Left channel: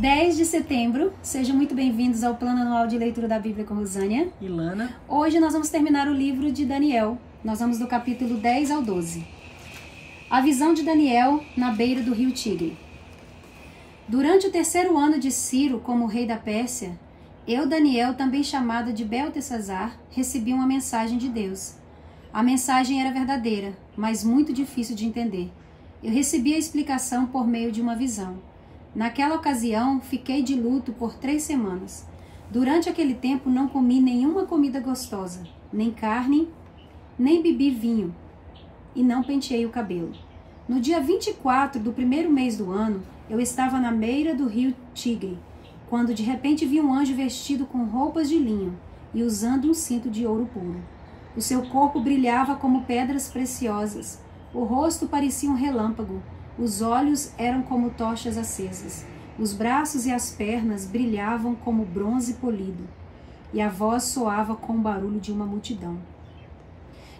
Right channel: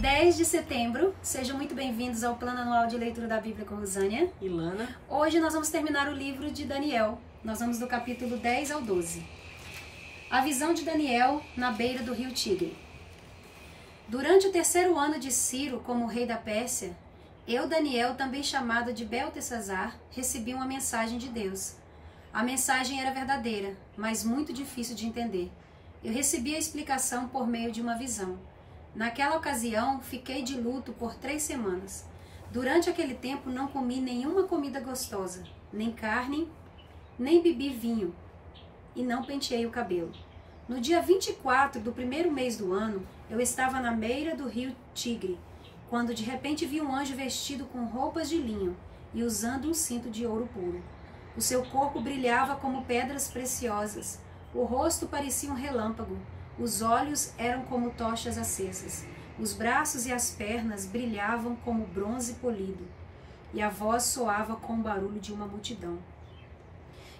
10 de setembro, sejam muito bem-vindos ao Plano Anual de Leitura da Bíblia com Rosânia e Lana. Hoje nós vamos terminar o livro de Daniel, nós vamos do capítulo 10 ao 12. A visão de Daniel na beira do rio Tigre. Durante o 3º ano de Ciro como rei da Pérsia, eu, Daniel, também chamado de Beltesazar, recebi uma mensagem de Deus. A mensagem era verdadeira, mas muito difícil de entender. Eu recebi a explicação por meio de uma visão. Naquela ocasião, fiquei de luto por 3 semanas. Durante aquele tempo, não comi nenhuma comida gostosa, nem carne, nem bebi vinho, e não penteei o cabelo. No dia 24 do 1º mês do ano, eu estava na beira do rio Tigre, quando de repente vi um anjo vestido com roupas de linho e usando um cinto de ouro puro. O seu corpo brilhava como pedras preciosas, o rosto parecia um relâmpago, os olhos eram como tochas acesas, os braços e as pernas brilhavam como bronze polido, e a voz soava com o barulho de uma multidão.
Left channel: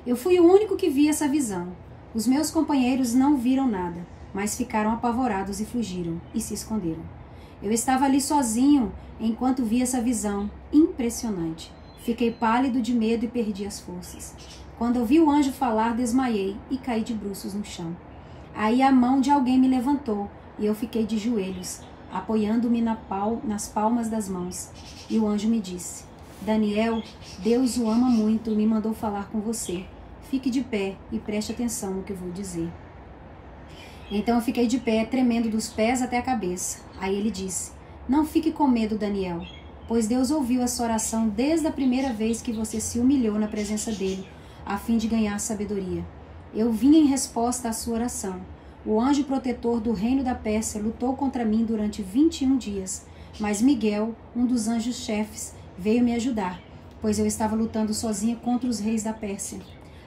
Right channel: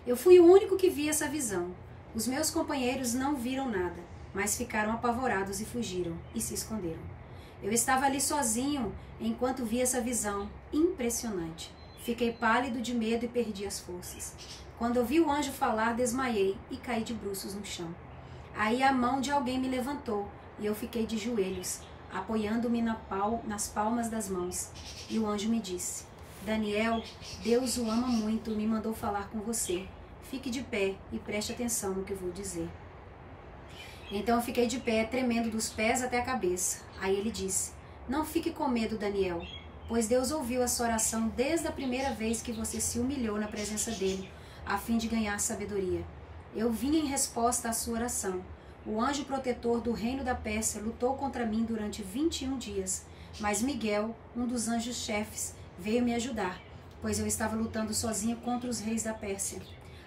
Eu fui o único que vi essa visão. Os meus companheiros não viram nada, mas ficaram apavorados e fugiram, e se esconderam. Eu estava ali sozinho enquanto vi essa visão impressionante. Fiquei pálido de medo e perdi as forças. Quando ouvi o anjo falar, desmaiei e caí de bruços no chão. Aí a mão de alguém me levantou e eu fiquei de joelhos, apoiando-me nas palmas das mãos. E o anjo me disse: Daniel, Deus o ama muito e me mandou falar com você. Fique de pé e preste atenção no que eu vou dizer. Então eu fiquei de pé, tremendo dos pés até a cabeça. Aí ele disse: Não fique com medo, Daniel, pois Deus ouviu a sua oração desde a primeira vez que você se humilhou na presença dele, a fim de ganhar sabedoria. Eu vim em resposta à sua oração. O anjo protetor do reino da Pérsia lutou contra mim durante 21 dias, mas Miguel, um dos anjos-chefes, veio me ajudar, pois eu estava lutando sozinha contra os reis da Pérsia.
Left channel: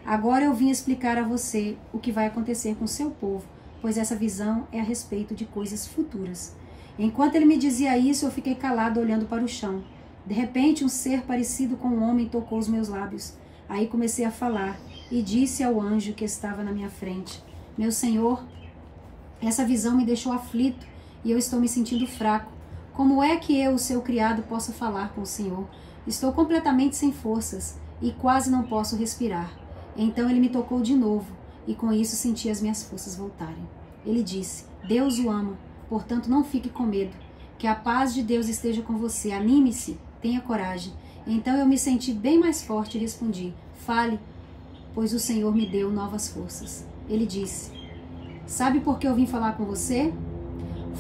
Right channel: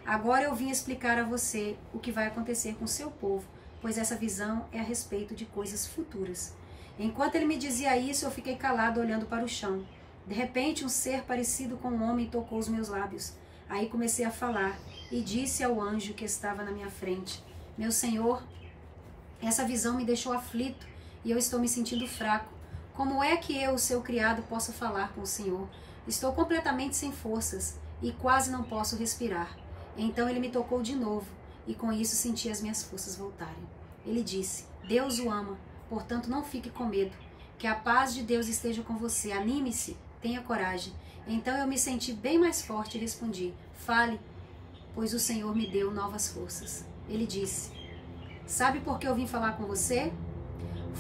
Agora eu vim explicar a você o que vai acontecer com seu povo, pois essa visão é a respeito de coisas futuras. Enquanto ele me dizia isso, eu fiquei calado olhando para o chão. De repente, um ser parecido com um homem tocou os meus lábios. Aí comecei a falar e disse ao anjo que estava na minha frente: Meu senhor, essa visão me deixou aflito e eu estou me sentindo fraco. Como é que eu, seu criado, possa falar com o senhor? Estou completamente sem forças e quase não posso respirar. Então ele me tocou de novo e com isso senti as minhas forças voltarem. Ele disse: Deus o ama, portanto não fique com medo. Que a paz de Deus esteja com você. Anime-se, tenha coragem. Então eu me senti bem mais forte e respondi: Fale, pois o Senhor me deu novas forças. Ele disse: Sabe por que eu vim falar com você?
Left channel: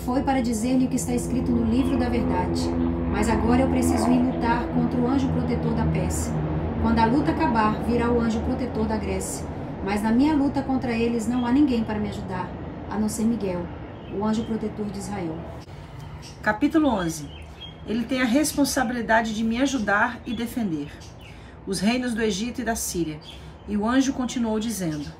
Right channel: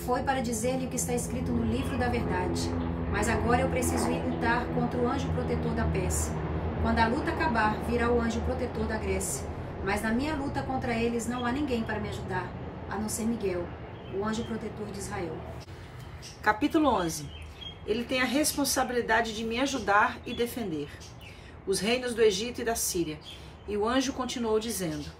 Foi para dizer-lhe o que está escrito no livro da verdade. Mas agora eu preciso ir lutar contra o anjo protetor da Pérsia. Quando a luta acabar, virá o anjo protetor da Grécia. Mas na minha luta contra eles não há ninguém para me ajudar, a não ser Miguel, o anjo protetor de Israel. Capítulo 11. Ele tem a responsabilidade de me ajudar e defender. Os reinos do Egito e da Síria. E o anjo continuou dizendo:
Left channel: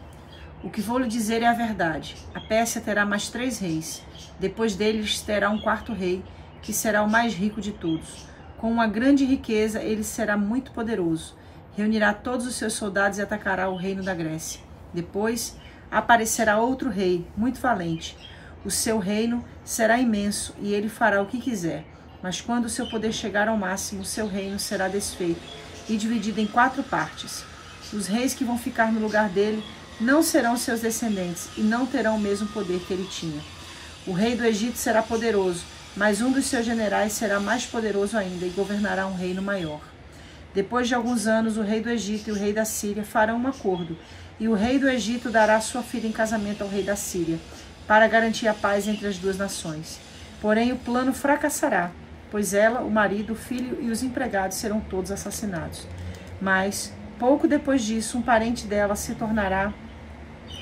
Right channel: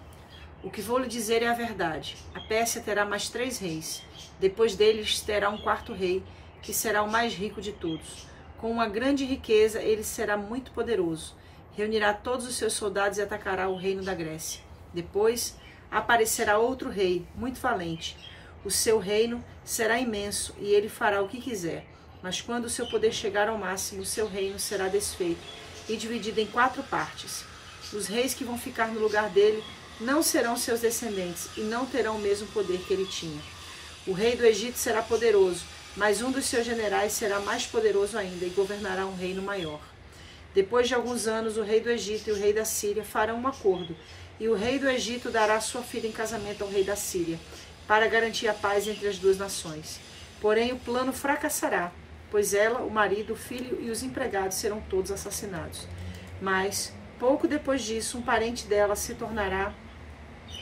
O que vou lhe dizer é a verdade. A Pérsia terá mais 3 reis. Depois deles terá um 4º rei, que será o mais rico de todos. Com uma grande riqueza, ele será muito poderoso. Reunirá todos os seus soldados e atacará o reino da Grécia. Depois aparecerá outro rei, muito valente. O seu reino será imenso e ele fará o que quiser. Mas quando o seu poder chegar ao máximo, o seu reino será desfeito e dividido em 4 partes. Os reis que vão ficar no lugar dele não serão seus descendentes e não terão o mesmo poder que ele tinha. O rei do Egito será poderoso, mas um dos seus generais será mais poderoso ainda e governará um reino maior. Depois de alguns anos, o rei do Egito e o rei da Síria farão um acordo, e o rei do Egito dará sua filha em casamento ao rei da Síria, para garantir a paz entre as 2 nações. Porém, o plano fracassará, pois ela, o marido, o filho e os empregados serão todos assassinados. Mas, pouco depois disso, um parente dela se tornará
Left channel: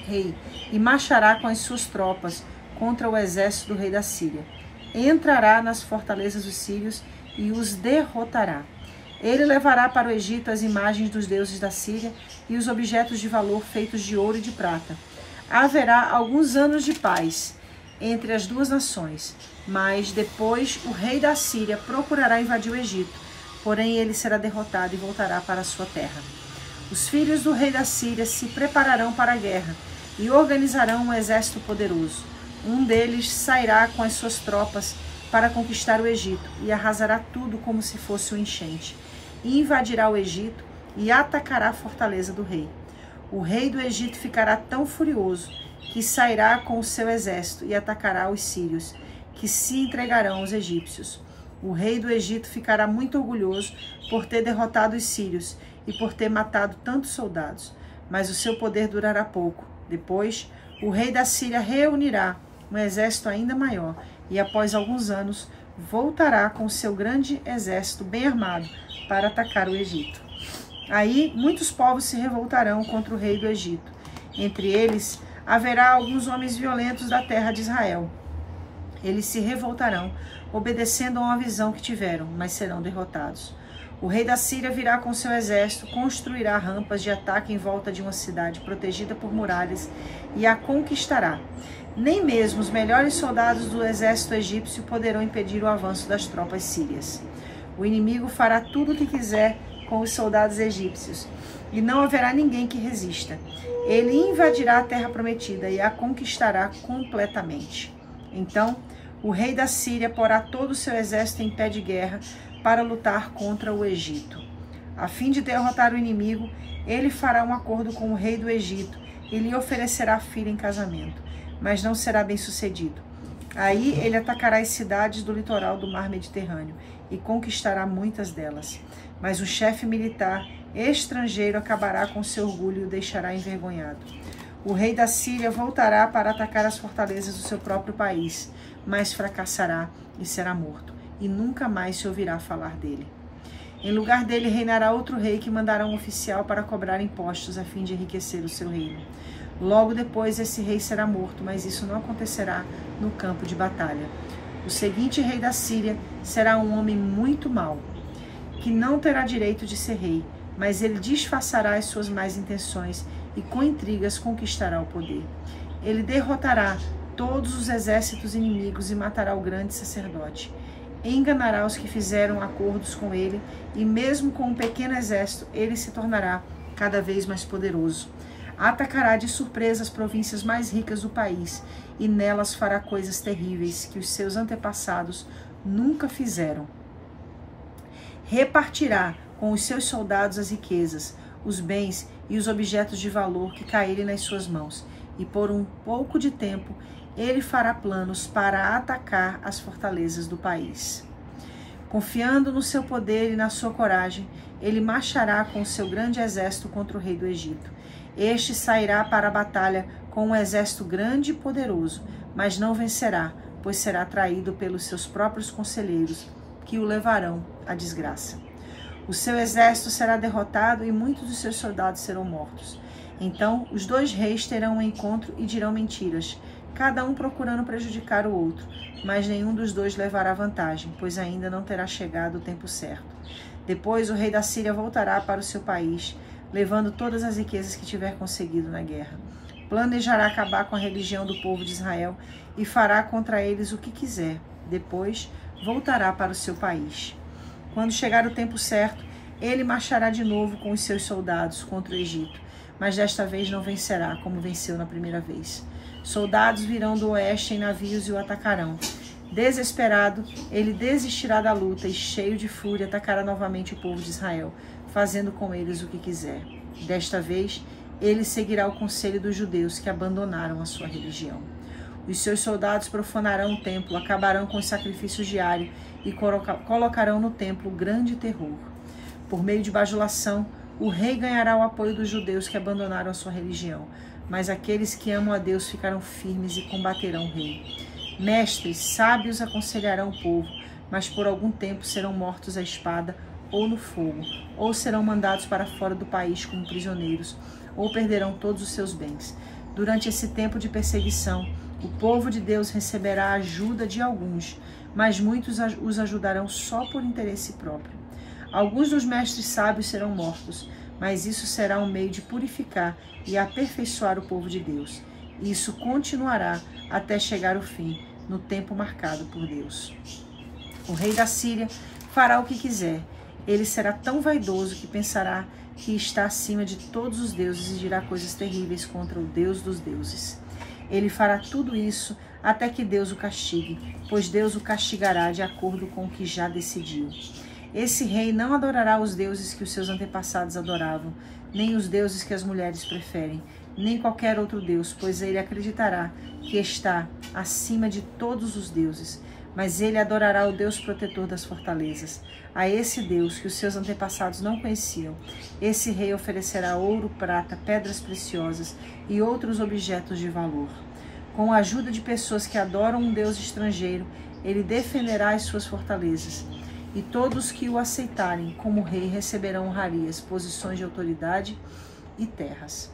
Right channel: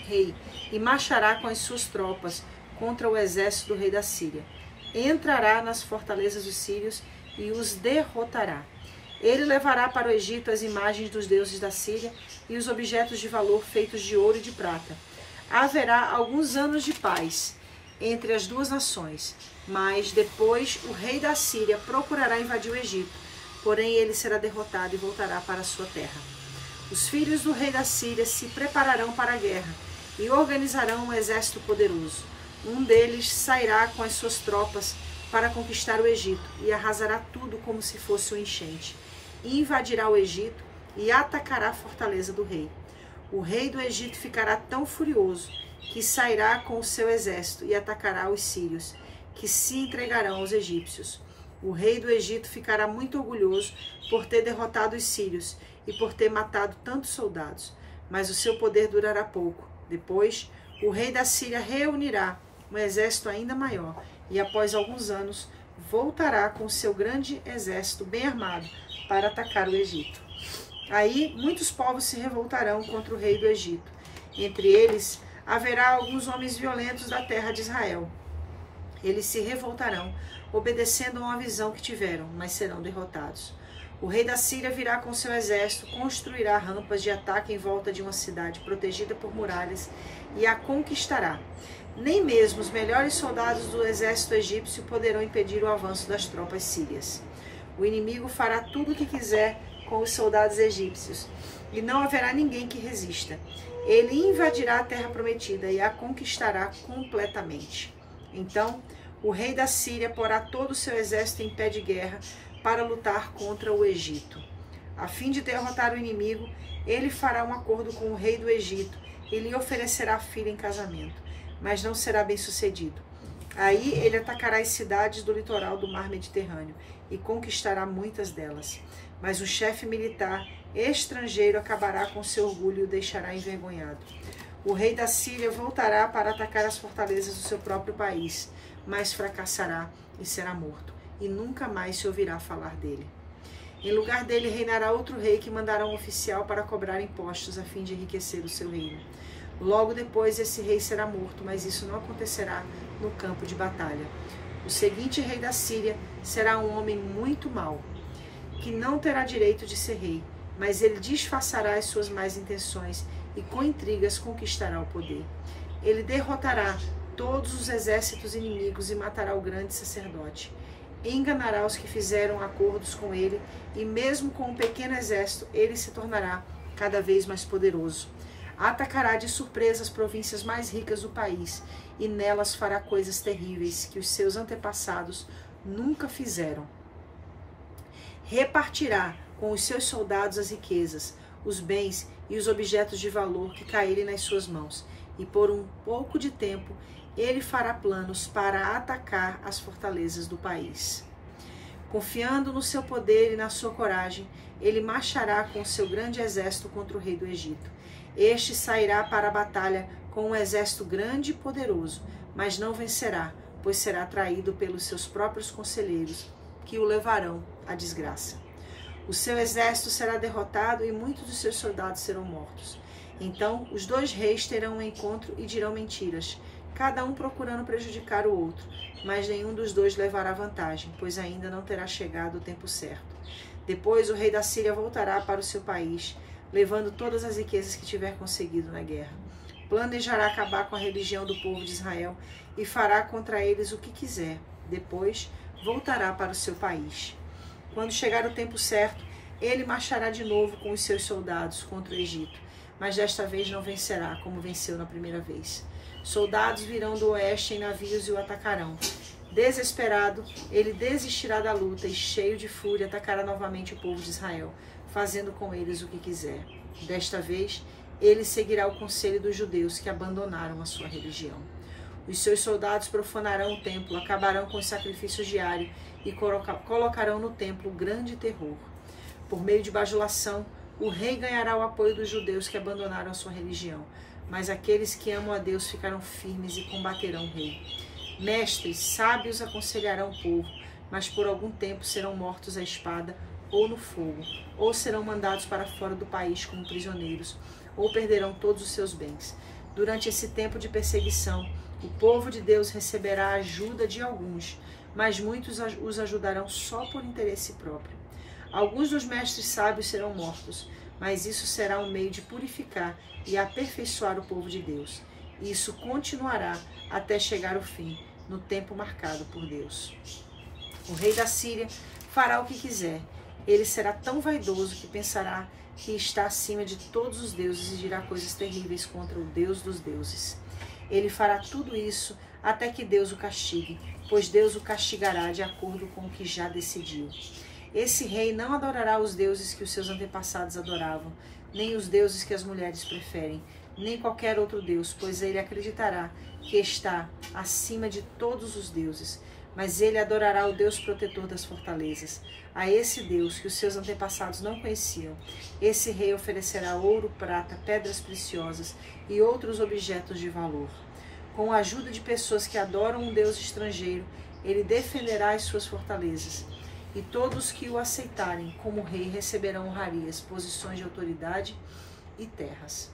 rei e marchará com as suas tropas contra o exército do rei da Síria. Entrará nas fortalezas dos sírios e os derrotará. Ele levará para o Egito as imagens dos deuses da Síria e os objetos de valor feitos de ouro e de prata. Haverá alguns anos de paz entre as 2 nações, mas depois o rei da Síria procurará invadir o Egito, porém ele será derrotado e voltará para a sua terra. Os filhos do rei da Síria se prepararão para a guerra e organizarão um exército poderoso. Um deles sairá com as suas tropas para conquistar o Egito, e arrasará tudo como se fosse uma enchente. E invadirá o Egito e atacará a fortaleza do rei. O rei do Egito ficará tão furioso que sairá com o seu exército e atacará os sírios, que se entregarão aos egípcios. O rei do Egito ficará muito orgulhoso por ter derrotado os sírios e por ter matado tantos soldados, mas o seu poder durará pouco. Depois, o rei da Síria reunirá um exército ainda maior e, após alguns anos, voltará com seu grande exército bem armado para atacar o Egito. Aí, muitos povos se revoltarão contra o rei do Egito. Entre eles, haverá alguns homens violentos da terra de Israel. Eles se revoltarão, obedecendo a uma visão que tiveram, mas serão derrotados. O rei da Síria virá com seu exército, construirá rampas de ataque em volta de uma cidade protegida por muralhas e a conquistará. Nem mesmo os melhores soldados do exército egípcio poderão impedir o avanço das tropas sírias. O inimigo fará tudo o que quiser com os soldados egípcios, e não haverá ninguém que resista. Ele invadirá a terra prometida e a conquistará completamente. Então, o rei da Síria porá todo o seu exército em pé de guerra para lutar contra o Egito. A fim de derrotar o inimigo, ele fará um acordo com o rei do Egito e lhe oferecerá filha em casamento, mas não será bem sucedido. Aí ele atacará as cidades do litoral do mar Mediterrâneo e conquistará muitas delas. Mas o chefe militar estrangeiro acabará com seu orgulho e o deixará envergonhado. O rei da Síria voltará para atacar as fortalezas do seu próprio país, mas fracassará e será morto, e nunca mais se ouvirá falar dele. Em lugar dele reinará outro rei que mandará um oficial para cobrar impostos a fim de enriquecer o seu reino. Logo depois esse rei será morto, mas isso não acontecerá no campo de batalha. O seguinte rei da Síria será um homem muito mau, que não terá direito de ser rei, mas ele disfarçará as suas más intenções e com intrigas conquistará o poder. Ele derrotará todos os exércitos inimigos e matará o grande sacerdote. Enganará os que fizeram acordos com ele, e mesmo com um pequeno exército, ele se tornará cada vez mais poderoso. Atacará de surpresa as províncias mais ricas do país, e nelas fará coisas terríveis que os seus antepassados nunca fizeram. Repartirá com os seus soldados as riquezas, os bens e os objetos de valor que caírem nas suas mãos, e por um pouco de tempo ele fará planos para atacar as fortalezas do país. Confiando no seu poder e na sua coragem, ele marchará com seu grande exército contra o rei do Egito. Este sairá para a batalha com um exército grande e poderoso, mas não vencerá, pois será traído pelos seus próprios conselheiros, que o levarão à desgraça. O seu exército será derrotado e muitos dos seus soldados serão mortos. Então os dois reis terão um encontro e dirão mentiras, cada um procurando prejudicar o outro, mas nenhum dos dois levará vantagem, pois ainda não terá chegado o tempo certo. Depois o rei da Síria voltará para o seu país, levando todas as riquezas que tiver conseguido na guerra. Planejará acabar com a religião do povo de Israel e fará contra eles o que quiser. Depois voltará para o seu país. Quando chegar o tempo certo, ele marchará de novo com os seus soldados contra o Egito, mas desta vez não vencerá, como venceu na primeira vez. Soldados virão do oeste em navios e o atacarão. Desesperado, ele desistirá da luta e, cheio de fúria, atacará novamente o povo de Israel, fazendo com eles o que quiser. Desta vez, ele seguirá o conselho dos judeus que abandonaram a sua religião. Os seus soldados profanarão o templo, acabarão com os sacrifícios diários e colocarão no templo grande terror. Por meio de bajulação, o rei ganhará o apoio dos judeus que abandonaram a sua religião, mas aqueles que amam a Deus ficarão firmes e combaterão o rei. Mestres sábios aconselharão o povo, mas por algum tempo serão mortos à espada ou no fogo, ou serão mandados para fora do país como prisioneiros, ou perderão todos os seus bens. Durante esse tempo de perseguição, o povo de Deus receberá a ajuda de alguns, mas muitos os ajudarão só por interesse próprio. Alguns dos mestres sábios serão mortos, mas isso será um meio de purificar e aperfeiçoar o povo de Deus. Isso continuará até chegar o fim, no tempo marcado por Deus. O rei da Síria fará o que quiser. Ele será tão vaidoso que pensará que está acima de todos os deuses e dirá coisas terríveis contra o Deus dos deuses. Ele fará tudo isso até que Deus o castigue, pois Deus o castigará de acordo com o que já decidiu. Esse rei não adorará os deuses que os seus antepassados adoravam, nem os deuses que as mulheres preferem, nem qualquer outro deus, pois ele acreditará que está acima de todos os deuses. Mas ele adorará o Deus protetor das fortalezas. A esse Deus que os seus antepassados não conheciam, esse rei oferecerá ouro, prata, pedras preciosas e outros objetos de valor. Com a ajuda de pessoas que adoram um Deus estrangeiro, ele defenderá as suas fortalezas. E todos que o aceitarem como rei receberão honrarias, posições de autoridade e terras.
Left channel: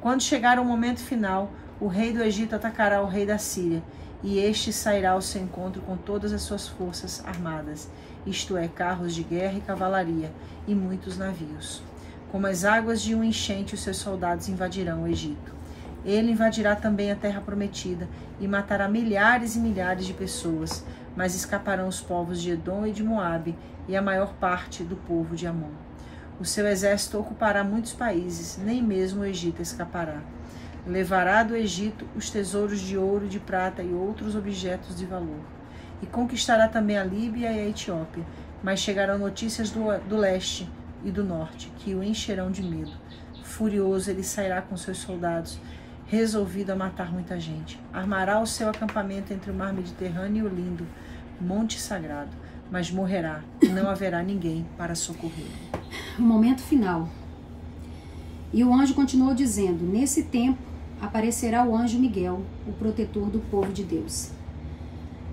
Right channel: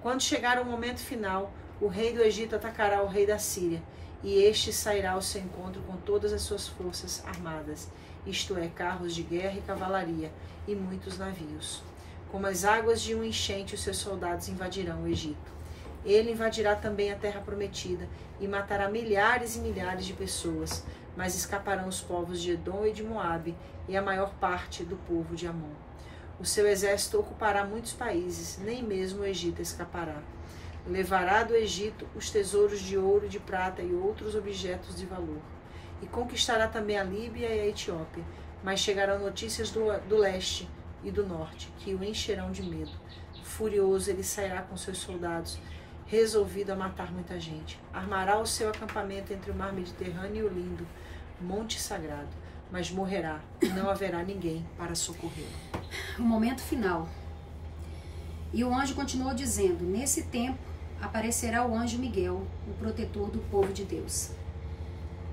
Quando chegar o momento final, o rei do Egito atacará o rei da Síria, e este sairá ao seu encontro com todas as suas forças armadas, isto é, carros de guerra e cavalaria, e muitos navios. Como as águas de uma enchente, os seus soldados invadirão o Egito. Ele invadirá também a terra prometida e matará milhares e milhares de pessoas, mas escaparão os povos de Edom e de Moabe e a maior parte do povo de Amon. O seu exército ocupará muitos países, nem mesmo o Egito escapará. Levará do Egito os tesouros de ouro, de prata e outros objetos de valor. E conquistará também a Líbia e a Etiópia, mas chegarão notícias do leste e do norte, que o encherão de medo. Furioso, ele sairá com seus soldados, resolvido a matar muita gente. Armará o seu acampamento entre o mar Mediterrâneo e o lindo Monte Sagrado, mas morrerá, e não haverá ninguém para socorrê-lo. O momento final. E o anjo continuou dizendo: nesse tempo aparecerá o anjo Miguel, o protetor do povo de Deus.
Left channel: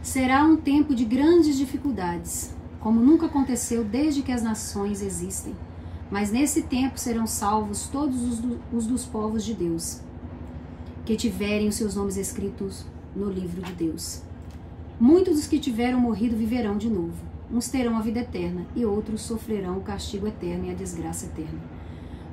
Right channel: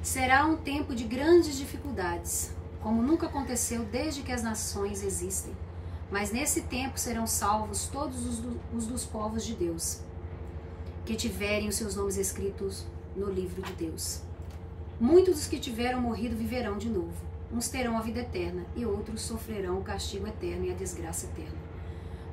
Será um tempo de grandes dificuldades, como nunca aconteceu desde que as nações existem. Mas nesse tempo serão salvos todos os dos povos de Deus, que tiverem os seus nomes escritos no livro de Deus. Muitos dos que tiveram morrido viverão de novo. Uns terão a vida eterna e outros sofrerão o castigo eterno e a desgraça eterna.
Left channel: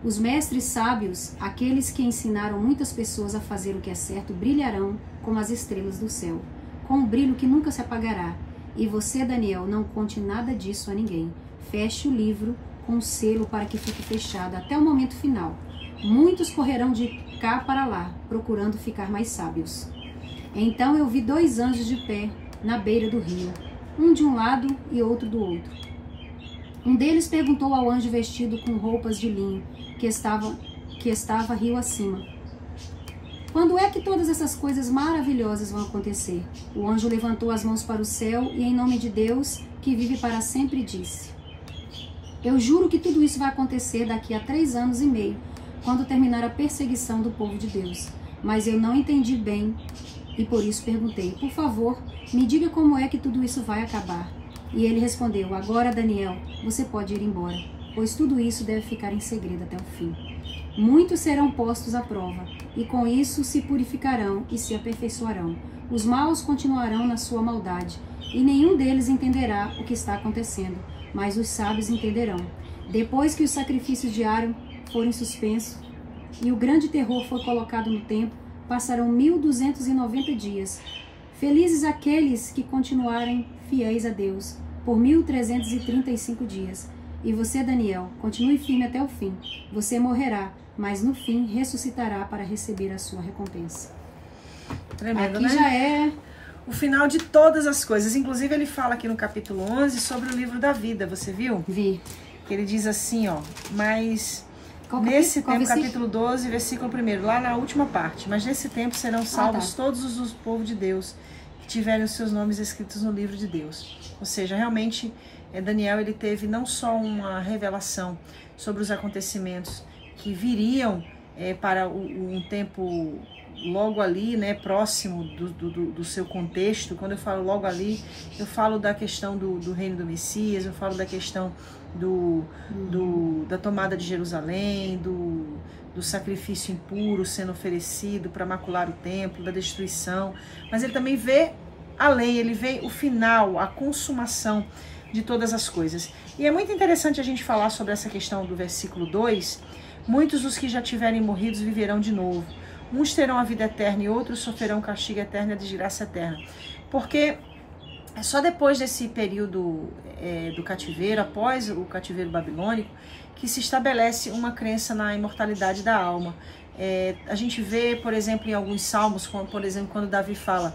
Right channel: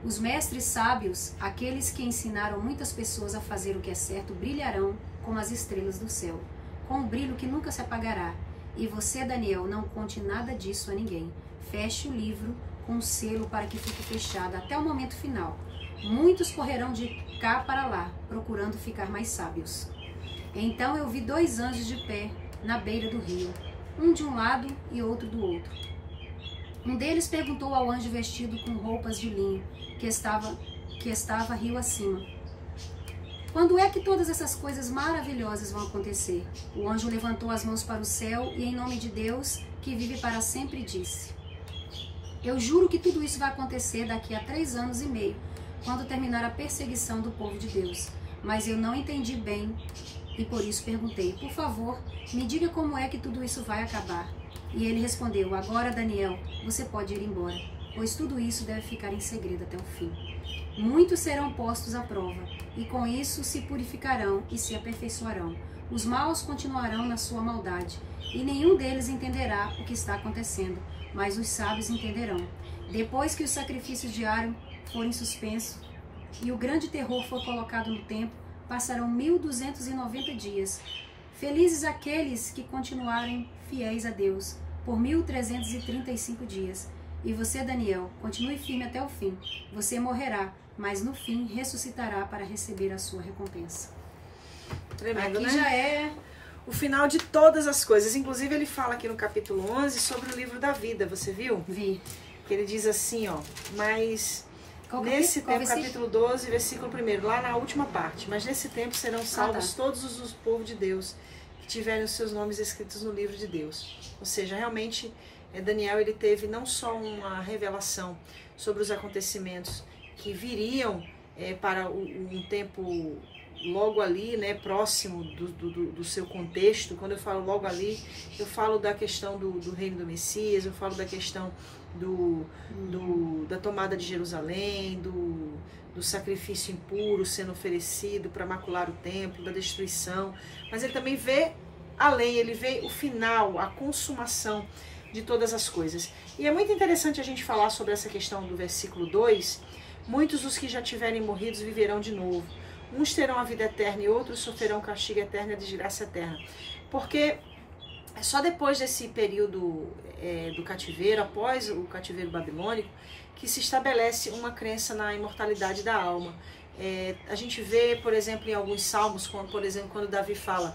Os mestres sábios, aqueles que ensinaram muitas pessoas a fazer o que é certo, brilharão como as estrelas do céu, com um brilho que nunca se apagará. E você, Daniel, não conte nada disso a ninguém. Feche o livro com um selo para que fique fechado até o momento final. Muitos correrão de cá para lá, procurando ficar mais sábios. Então eu vi 2 anjos de pé na beira do rio, um de um lado e outro do outro. Um deles perguntou ao anjo vestido com roupas de linho, que estava rio acima: quando é que todas essas coisas maravilhosas vão acontecer? O anjo levantou as mãos para o céu e, em nome de Deus, que vive para sempre, disse: eu juro que tudo isso vai acontecer daqui a 3 anos e meio, quando terminar a perseguição do povo de Deus. Mas eu não entendi bem e por isso perguntei: por favor, me diga como é que tudo isso vai acabar. E ele respondeu: agora, Daniel, você pode ir embora, pois tudo isso deve ficar em segredo até o fim. Muitos serão postos à prova, e com isso se purificarão e se aperfeiçoarão. Os maus continuarão na sua maldade, e nenhum deles entenderá o que está acontecendo, mas os sábios entenderão. Depois que os sacrifícios diários forem suspensos e o grande terror for colocado no templo, passarão 1290 dias. Felizes aqueles que continuarem fiéis a Deus por 1335 dias. E você, Daniel, continue firme até o fim. Você morrerá, mas no fim ressuscitará para receber a sua recompensa. Tremendo, aqui, né? Já é o final de todas as coisas. Inclusive, ele fala aqui no capítulo 11 sobre o livro da vida. Você viu? Vi. Que ele diz assim, ó, mas nesse tempo, capítulo 12, versículo 1, lá na última parte, mas nesse tempo serão salvos todos os povos de Deus que tiverem os seus nomes escritos no livro de Deus. Ou seja, realmente, Daniel, ele teve não só uma revelação sobre os acontecimentos que viriam para um tempo logo ali, né, próximo do seu contexto. Quando eu falo logo ali, eu falo da questão do reino do Messias, eu falo da questão da tomada de Jerusalém, do sacrifício impuro sendo oferecido para macular o templo, da destruição. Mas ele também vê além, ele vê o final, a consumação de todas as coisas. E é muito interessante a gente falar sobre essa questão do versículo 2. Muitos dos que já tiverem morridos viverão de novo. Uns terão a vida eterna e outros sofrerão castigo eterno e a desgraça eterna. Porque é só depois desse período do cativeiro, após o cativeiro babilônico, que se estabelece uma crença na imortalidade da alma. A gente vê, por exemplo, em alguns salmos, como, por exemplo, quando Davi fala,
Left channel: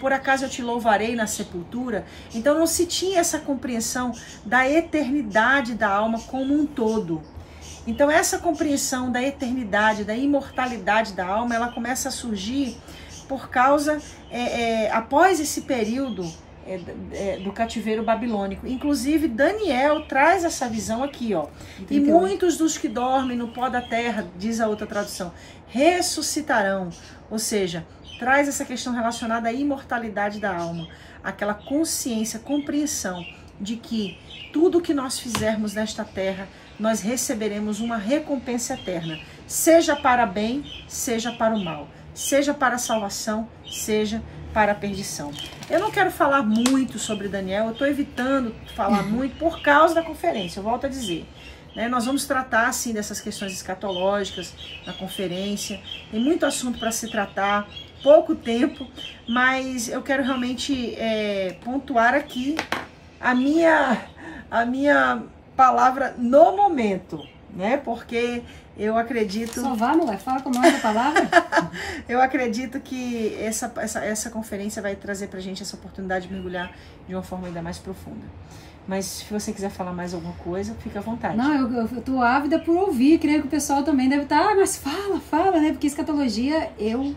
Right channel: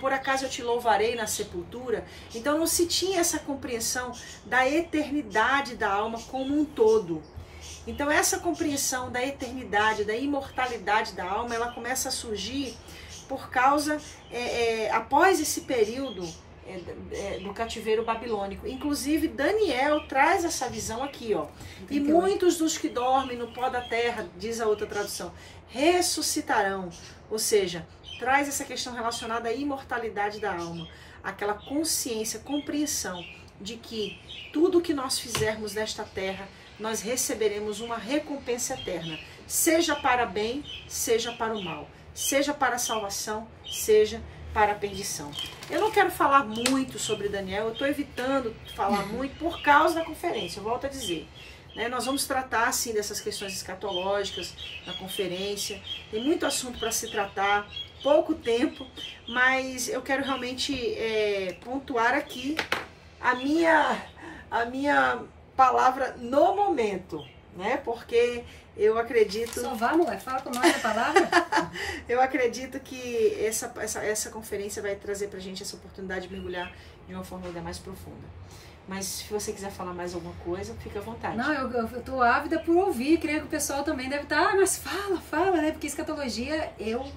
por acaso eu te louvarei na sepultura. Então não se tinha essa compreensão da eternidade da alma como um todo. Então essa compreensão da eternidade, da imortalidade da alma, ela começa a surgir por causa, após esse período do cativeiro babilônico. Inclusive Daniel traz essa visão aqui, ó. E muitos dos que dormem no pó da terra, diz a outra tradução, ressuscitarão. Ou seja, traz essa questão relacionada à imortalidade da alma, aquela consciência, compreensão de que tudo que nós fizermos nesta terra, nós receberemos uma recompensa eterna, seja para bem, seja para o mal, seja para a salvação, seja para a perdição. Eu não quero falar muito sobre Daniel, eu estou evitando falar muito por causa da conferência, eu volto a dizer. Nós vamos tratar, sim, dessas questões escatológicas na conferência, tem muito assunto para se tratar, pouco tempo, mas eu quero realmente pontuar aqui a minha palavra no momento, porque eu acredito... Só vá, mulher, fala com nós a palavra. Eu acredito que essa conferência vai trazer pra gente essa oportunidade de mergulhar de uma forma ainda mais profunda. Mas se você quiser falar mais alguma coisa, fica à vontade. Não, eu tô ávida por ouvir, creio que o pessoal também deve estar, mas fala, né? Porque escatologia, eu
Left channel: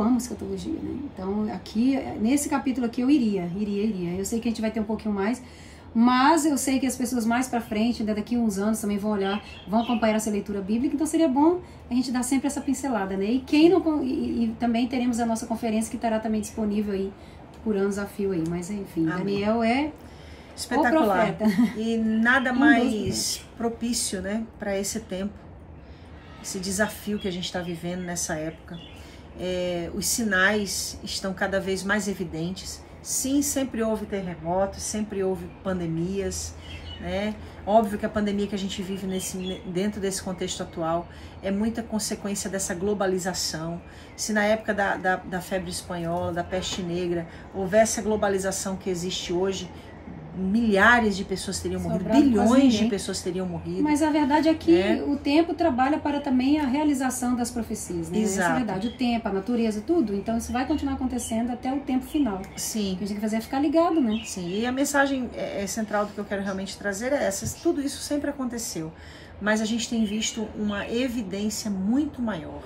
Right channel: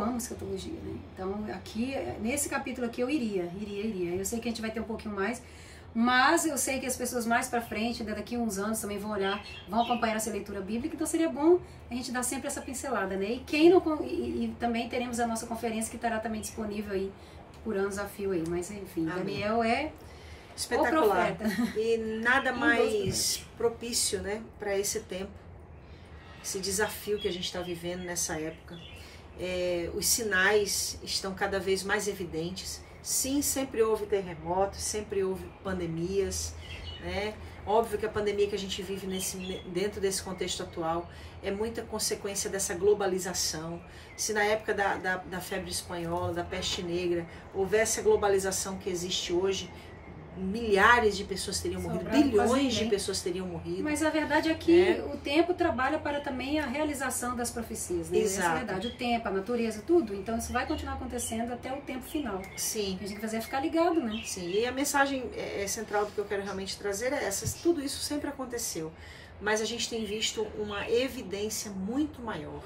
amo escatologia, né? Então, aqui, nesse capítulo aqui, eu iria. Eu sei que a gente vai ter um pouquinho mais, mas eu sei que as pessoas mais pra frente, daqui a uns anos, também vão olhar, vão acompanhar essa leitura bíblica, então seria bom a gente dar sempre essa pincelada, né? E quem não, e também teremos a nossa conferência que estará também disponível aí por anos a fio aí, mas enfim, amém. Daniel é espetacular. E nada mais propício, né, para esse tempo, esse desafio que a gente está vivendo nessa época. Os sinais estão cada vez mais evidentes. Sim, sempre houve terremotos, sempre houve pandemias, né? Óbvio que a pandemia que a gente vive dentro desse contexto atual é muita consequência dessa globalização. Se na época da febre espanhola, da peste negra, houvesse a globalização que existe hoje, milhares de pessoas teriam morrido, bilhões de pessoas teriam morrido. Mas a verdade é que o tempo trabalha para também a realização das profecias, né? Exato. Essa é a verdade, o tempo, a natureza, tudo. Então isso vai continuar acontecendo até o tempo final. Sim. O que a gente tem que fazer é ficar ligado, né? Sim, e a mensagem central do que eu quero realmente trazer é essa. Tudo isso sempre aconteceu, mas a gente tem visto uma evidência muito maior.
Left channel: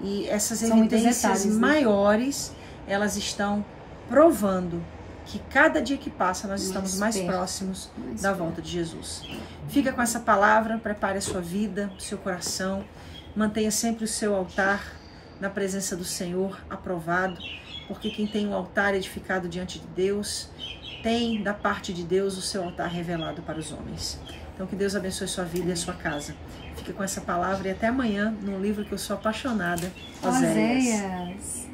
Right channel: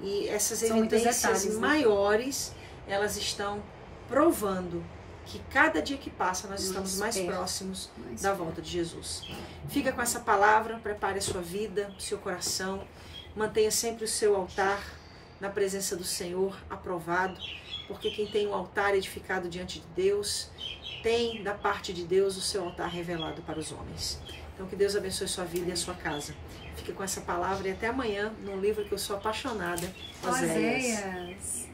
E essas evidências maiores, elas estão provando que cada dia que passa nós estamos mais próximos da volta de Jesus. Fica com essa palavra, prepare a sua vida, o seu coração, mantenha sempre o seu altar na presença do Senhor aprovado, porque quem tem um altar edificado diante de Deus, tem da parte de Deus o seu altar revelado para os homens. Então que Deus abençoe sua vida e a sua casa. Fica com essa palavra e até amanhã, num livro que eu sou apaixonada, Oséias.